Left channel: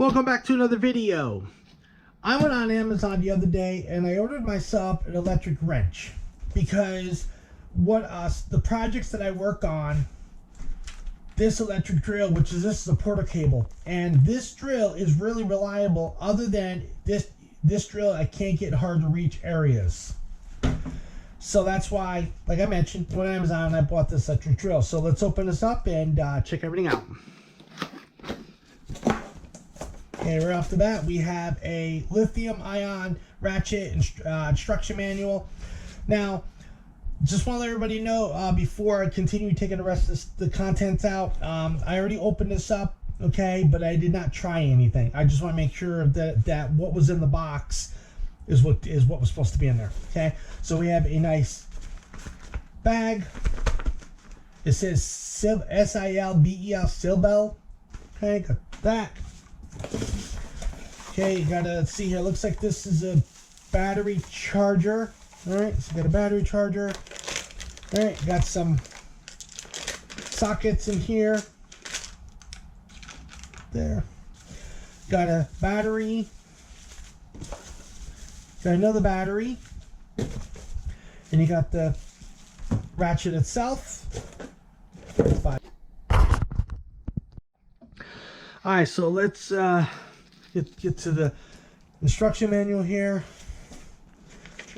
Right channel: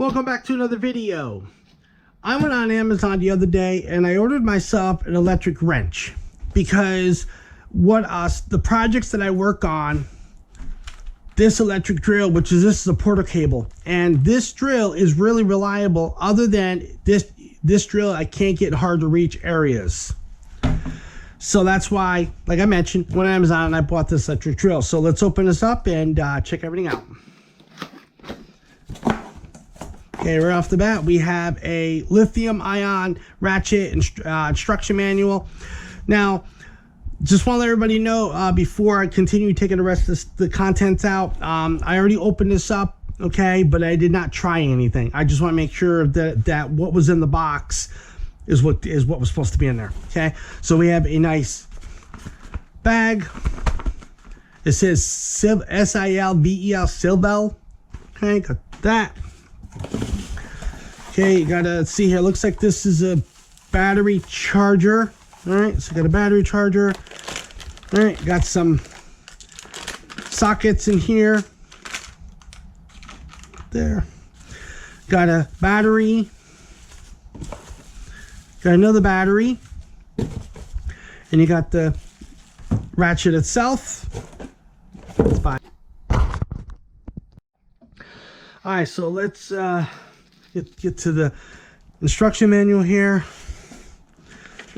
Welcome back to another video. I went on Amazon the other day and I ordered myself an electric wrench because the projects that I work on, this electric drill, this is a porter cable, and this drill is really reliable. Other than this drill, I can't get hard to reach areas. So that's why, like I mentioned, went on Amazon and I bought this electric drill. So let's open this up and check everything out. Okay, right off the bat, we have a lithium-ion ratchet instruction manual. Now, just want to let everybody know before I continue taking the rest of the contents out, I already opened this up, okay, but I did not try anything. I just want to make sure that what was in the box is what was supposed to be in there, okay? So we have a nice bag. It says S-I-L-V-E-L, Silvel. Okay, got that. Okay, you gotta see here. Looks like this is a battery charger. All right, so got a battery charger. All right, got some sockets in here. There. Got a battery. Got another battery. And you got the ratchet itself. All right, so let's get to the instruction manual here.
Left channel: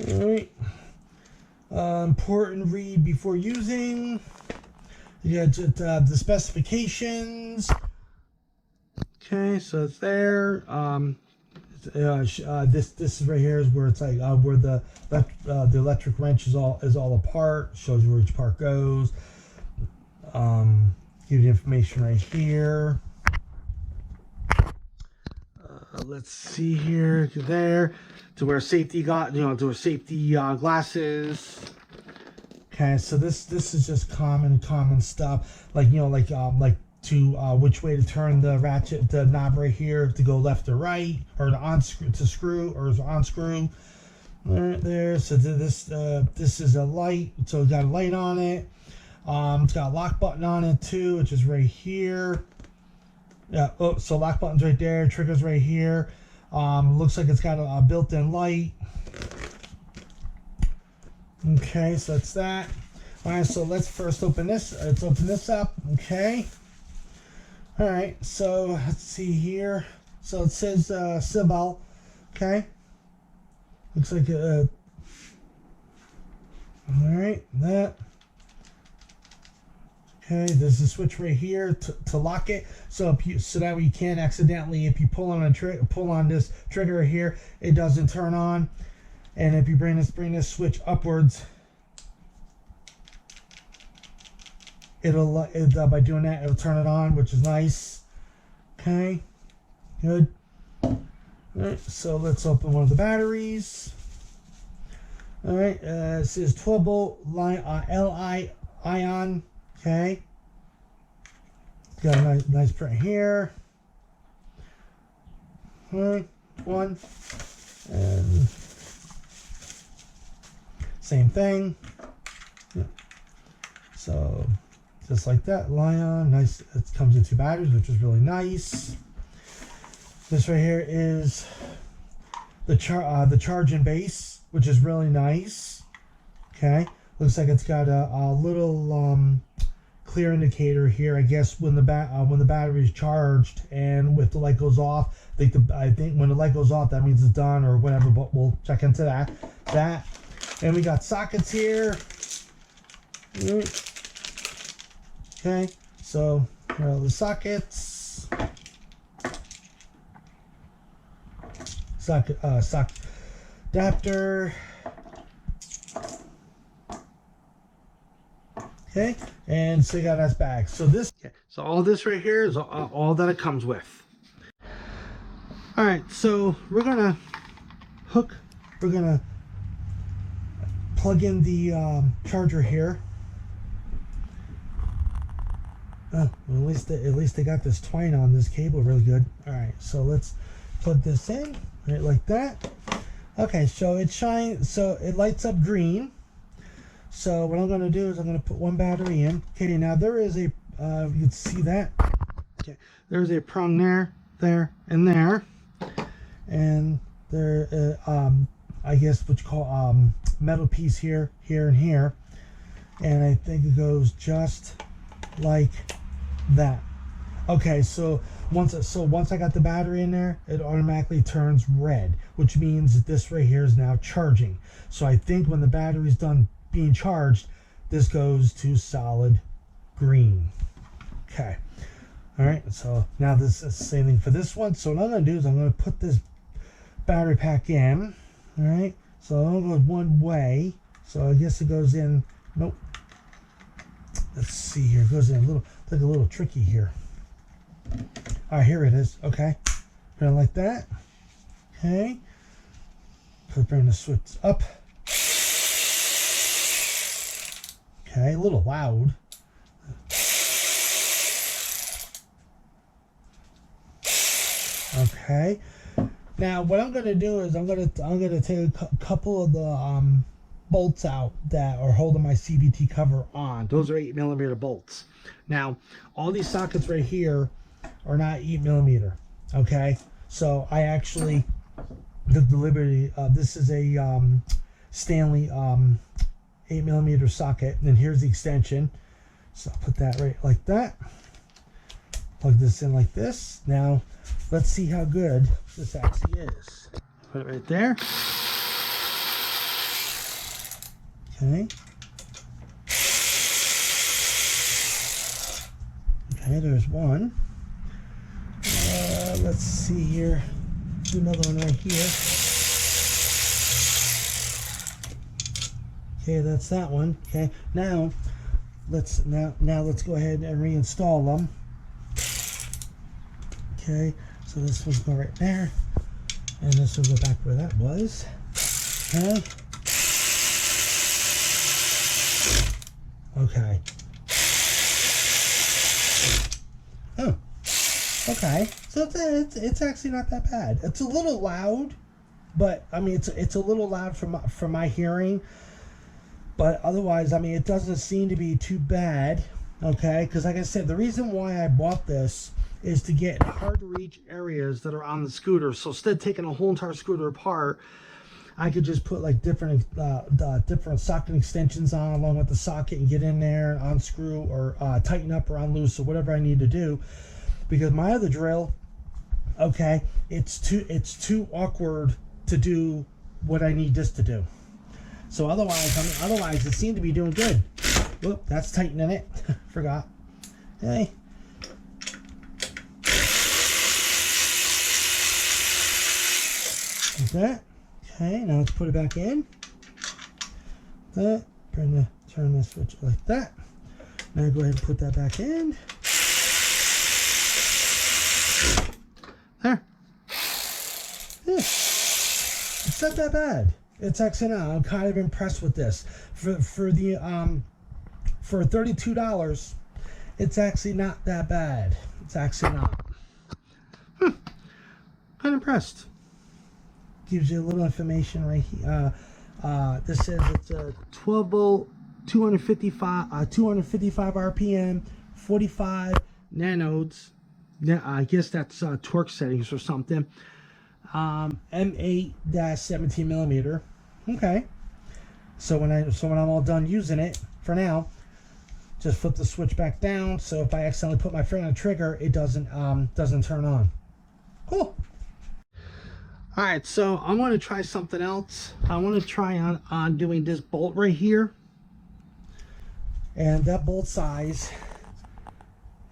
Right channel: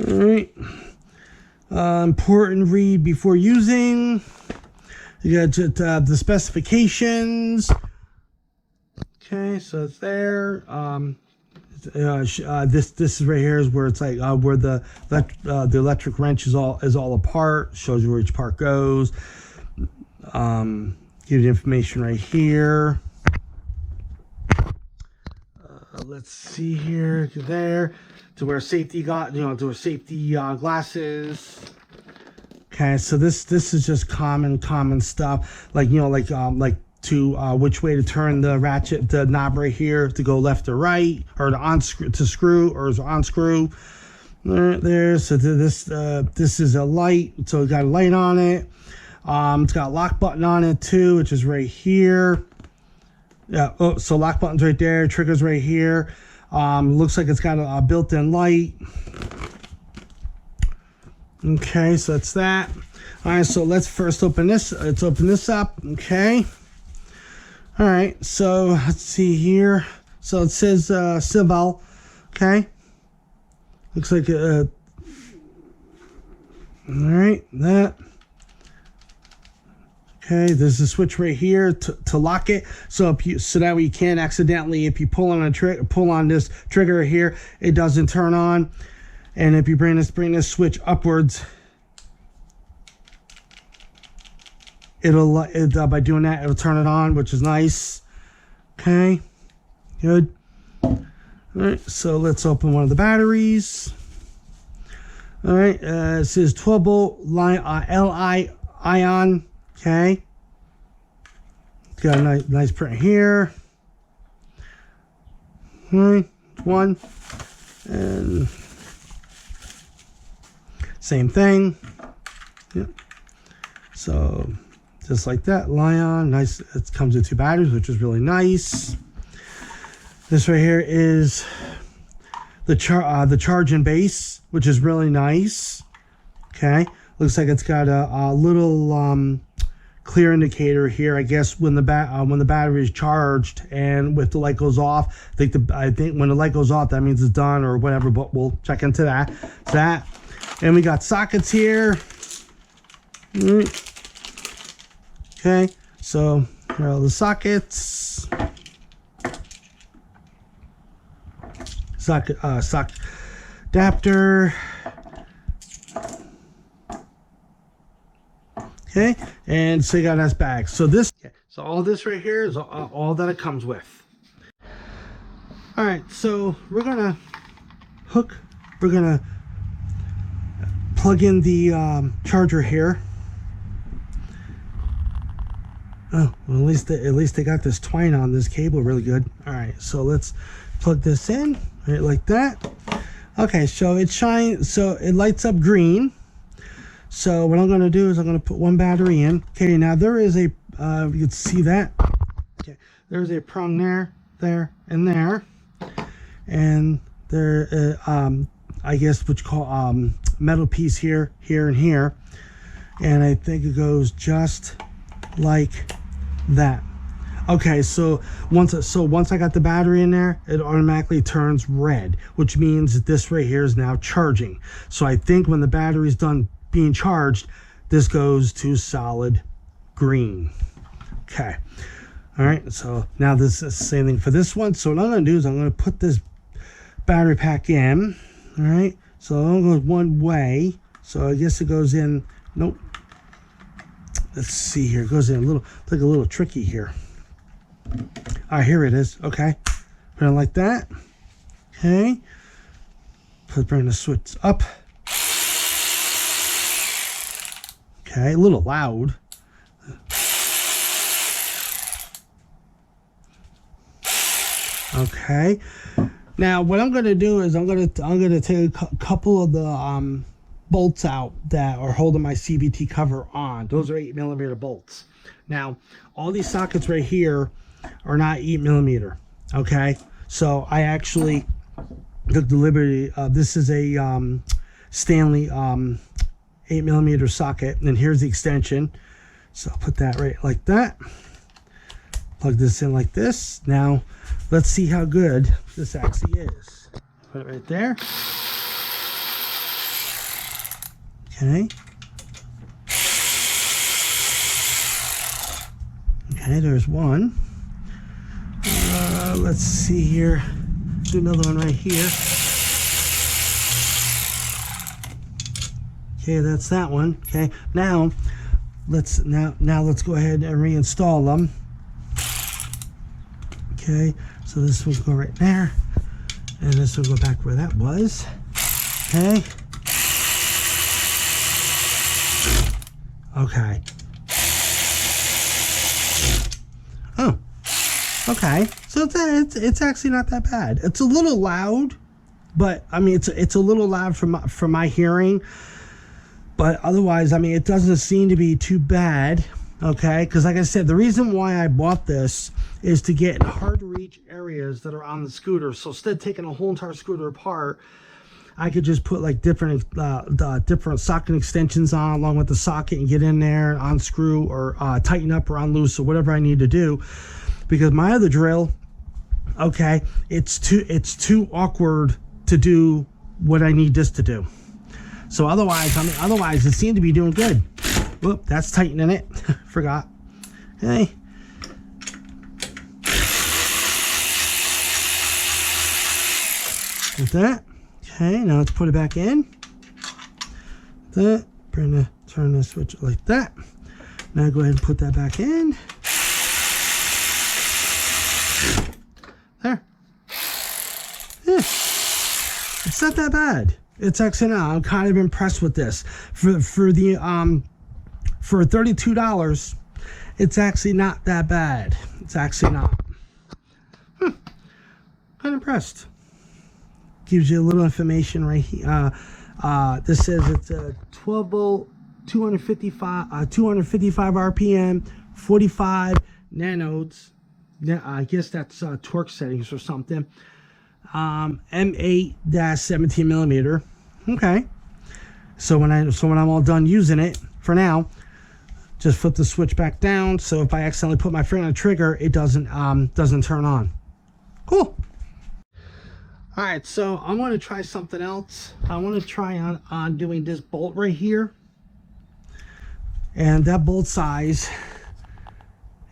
All right. Important read before using. You got the specifications. Okay, so it's there. This is right here is where it's like where the electric wrench is all apart. Shows you where each part goes. Give you information right here. Let's see here, there, to wear safety to wear safety glasses. Okay, so this is just common stuff, like which way to turn the ratchet, the knob right here to go left or right, or to unscrew. There. So this is a light, so it got a light on it. It's got a lock button on it too, which is right here. Yeah, oh, so lock button's right there, trigger's right here. Looks like it's got a built-in light. Okay, so that's that. All right, so let's first open this. Let's open this up, okay. All right, so let's see here. So it says Silvel, okay. Looks like all right, that. Okay, there's a switch right here to lock it, so that way you can't accidentally, if you pull on this trigger here, it doesn't turn on. And if you bring this switch upwards, by doing that, it'll turn it on, which is nice. Okay, good. All right, so let's open one of the batteries. All right, it says 12 volt Li-ion. Okay, got a nice print here. All right, one, and same thing. Yep. So just like that, Li-ion, nice. It comes with two batteries, which is really nice. This right here is the charging base, which is really nice. Okay, looks like it's got a little clear indicator here, I guess, when the battery is charged and if the light goes off. I think when the light goes off, that means it's done or whatever, but we'll check into that. And we got sockets here. Okay, so here are all the sockets. Socket adapter. Okay, and so you got a nice bag. So so all this right here is all that it comes with. All right, so we're gonna plug in the charger here. Oh, well, at least they got this twine on this cable really good. All right, so let's plug this in right like that. Okay, so it lights up green. So what I'm going to do is I'm going to put one battery in. Okay, now there is a, you can see that. Okay, there's a prong there there and there, and there I guess what you call metal piece here, here, and here, and I think it goes just like that. Okay, so once I got the battery in there, it automatically turns red, which means that this right here is now charging. So I think when the battery's done being charged, this goes to solid green. Okay, all right, so now this is the same thing for this one. So what I'm going to do is I'm going to put this battery pack in. All right, so it only goes one way, so I guess it goes in. Nope. Let's see here. It goes in a little, like a little tricky here. All right, here it is. Okay, put it like that. Okay, bring the switch up. Okay, a little loud. Okay, now what I'm going to do is I'm going to take a couple of the bolts out that are holding my CVT cover on. Those are 8mm bolts. Now, all these sockets right here are not 8mm. Okay, so I actually took the liberty. This is a Stanley 8mm socket, and here's the extension. So I'll put that right like that. Plug this in like this. Now, let's see how good this actually is. Put it right there. Okay. Okay, there's one. Let's see here. Do another one right here. Okay, that's that one. Okay, now let's go ahead and reinstall them. Okay, so this will go right there, and this will go back where that was. Okay. Okay. Oh. Okay. So it's actually not that bad. It's a little loud, but I mean it's a little loud for my hearing. But otherwise, I mean, it doesn't seem to be too bad. Okay, because like I said, the reason why I bought this is to get in hard to reach areas that are on the scooter. So instead of taking a whole entire scooter apart, I could just put like different socket extensions on along with the socket and get in there and unscrew or tighten up or unloose or whatever I need to do. Because my other drill, okay, it's too awkward to do what I need this to do. So otherwise it seemed to be doing good. Whoop, that's tightening it. Forgot. Okay. Like that. Okay, now let's put it back in. That. Turn the switch like that. Now go ahead and put that back in. There. Yeah. It's not that bad. It's actually not. I'm kind of impressed with this. For $32, it's actually not that bad. It's actually not. Kind of impressed. Gives you a little information right here. This says it's a 12 volt, 255 RPM, 45 nanodes. I guess that's torque settings or something. M8-17mm. Okay. So when I'm all done using it, for now, just flip the switch back down. So if I accidentally put my finger on the trigger, it doesn't turn on. Cool. All right, so I want to try something else. I want to try on doing this bolt right here, and that bolt size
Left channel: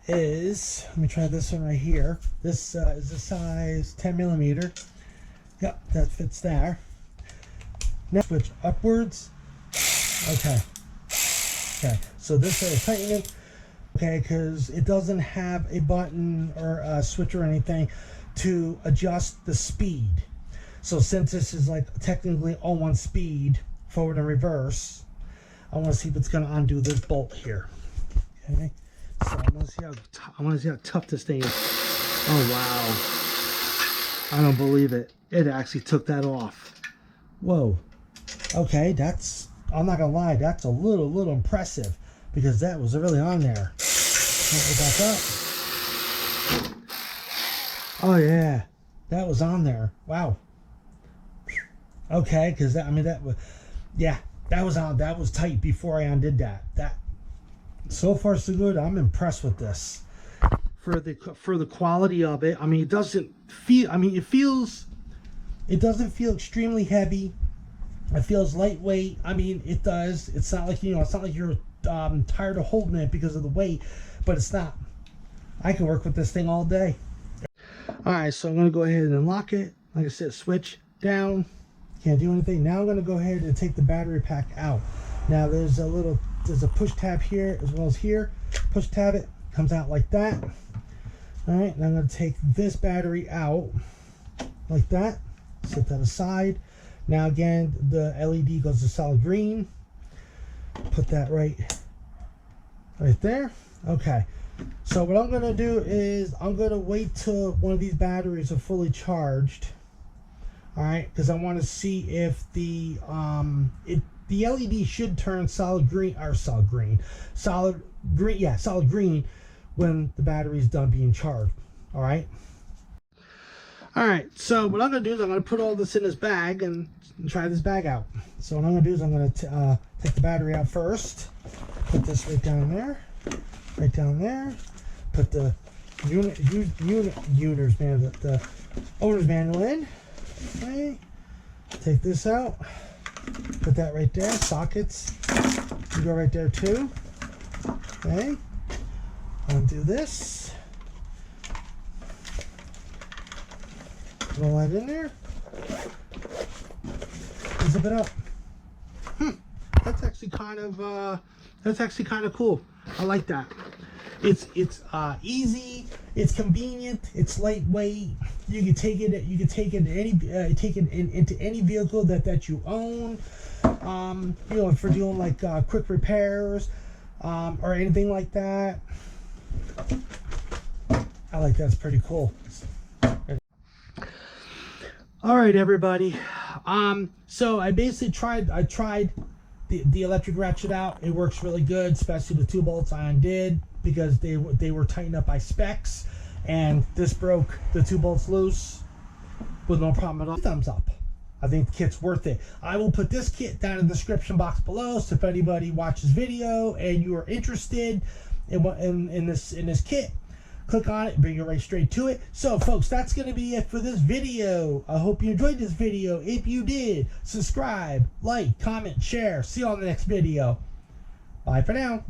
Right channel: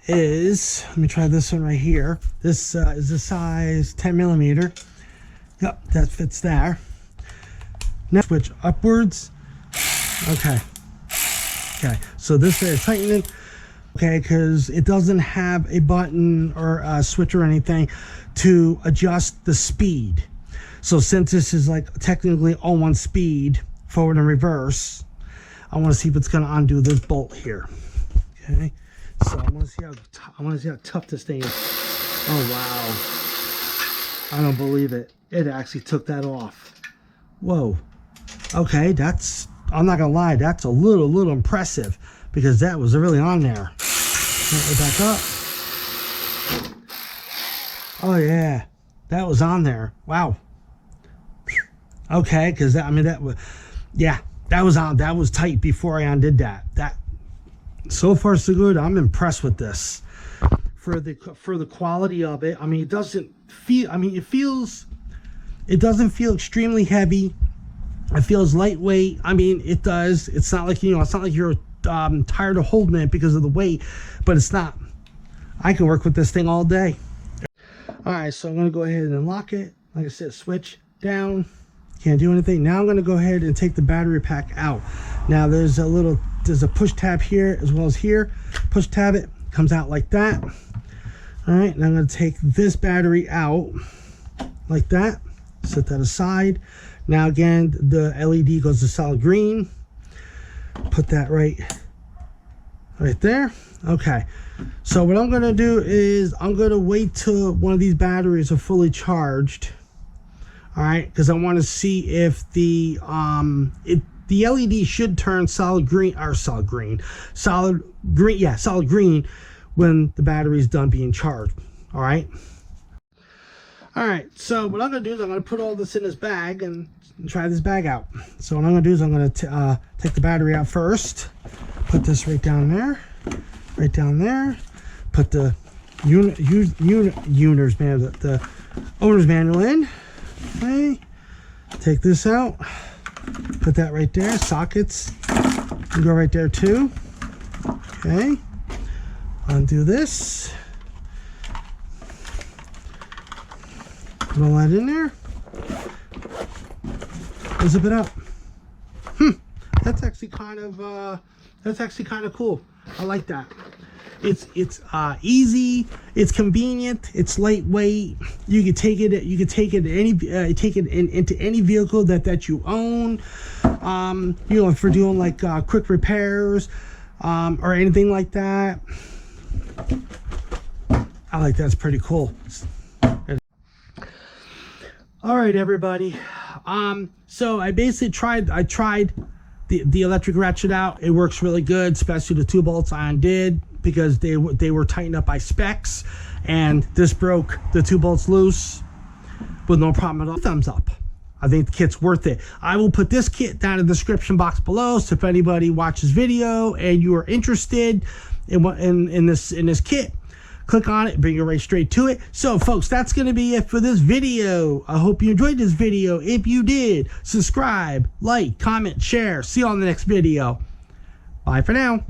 is, let me try this one right here. This is the size 10mm. Yep, that fits there. Now switch upwards. Okay. Okay, so this is tightening. Okay, because it doesn't have a button or a switch or anything to adjust the speed. So since this is like technically all one speed, forward and reverse, I want to see if it's going to undo this bolt here. Okay, so I want to see how tough this thing is. Oh wow, I don't believe it. It actually took that off. Whoa. Okay, that's, I'm not gonna lie, that's a little impressive, because that was really on there. Put it back up. Oh yeah, that was on there. Wow. Okay, because I mean that was, yeah, that was on. That was tight before I undid that. That so far so good. I'm impressed with this for the quality of it. I mean, it doesn't feel. I mean, it feels. It doesn't feel extremely heavy. It feels lightweight. I mean, it does. It's not like, you know, it's not like you're tired of holding it because of the weight, but it's not. I can work with this thing all day. All right, so I'm going to go ahead and lock it. Like I said, switch down. Can't do anything. Now I'm going to go ahead and take the battery pack out. Now there's a push tab here as well as here. Push tab, it comes out like that. All right, and I'm going to take this battery out like that. Set that aside. Now again, the LED goes to solid green. Put that right there. Okay. So what I'm going to do is I'm going to wait till one of these batteries are fully charged. All right, because I want to see if the LED should turn solid green when the battery is done being charged. All right. All right, so what I'm going to do is I'm going to put all this in this bag and try this bag out. So what I'm going to do is I'm going to take the battery out first. Put this right down there. Right down there. Put the the owner's manual in. Okay. Take this out. Put that right there. Sockets can go right there too. Okay. Undo this. Put all that in there. Zip it up. That's actually kind of cool. I like that. It's easy. It's convenient. It's lightweight. You can take it. You can take it into any vehicle that you own. You know, if we're doing like quick repairs, or anything like that. I like that. It's pretty cool. All right, everybody. So I basically tried the electric ratchet out. It works really good, especially the 2 bolts I undid because they were tightened up by specs, and this broke the 2 bolts loose with no problem at all. Thumbs up. I think the kit's worth it. I will put this kit down in the description box below, so if anybody watches video and you are interested in this kit, click on it, bring you right straight to it. So folks, that's going to be it for this video. I hope you enjoyed this video. If you did, subscribe, like, comment, share. See you on the next video. Bye for now.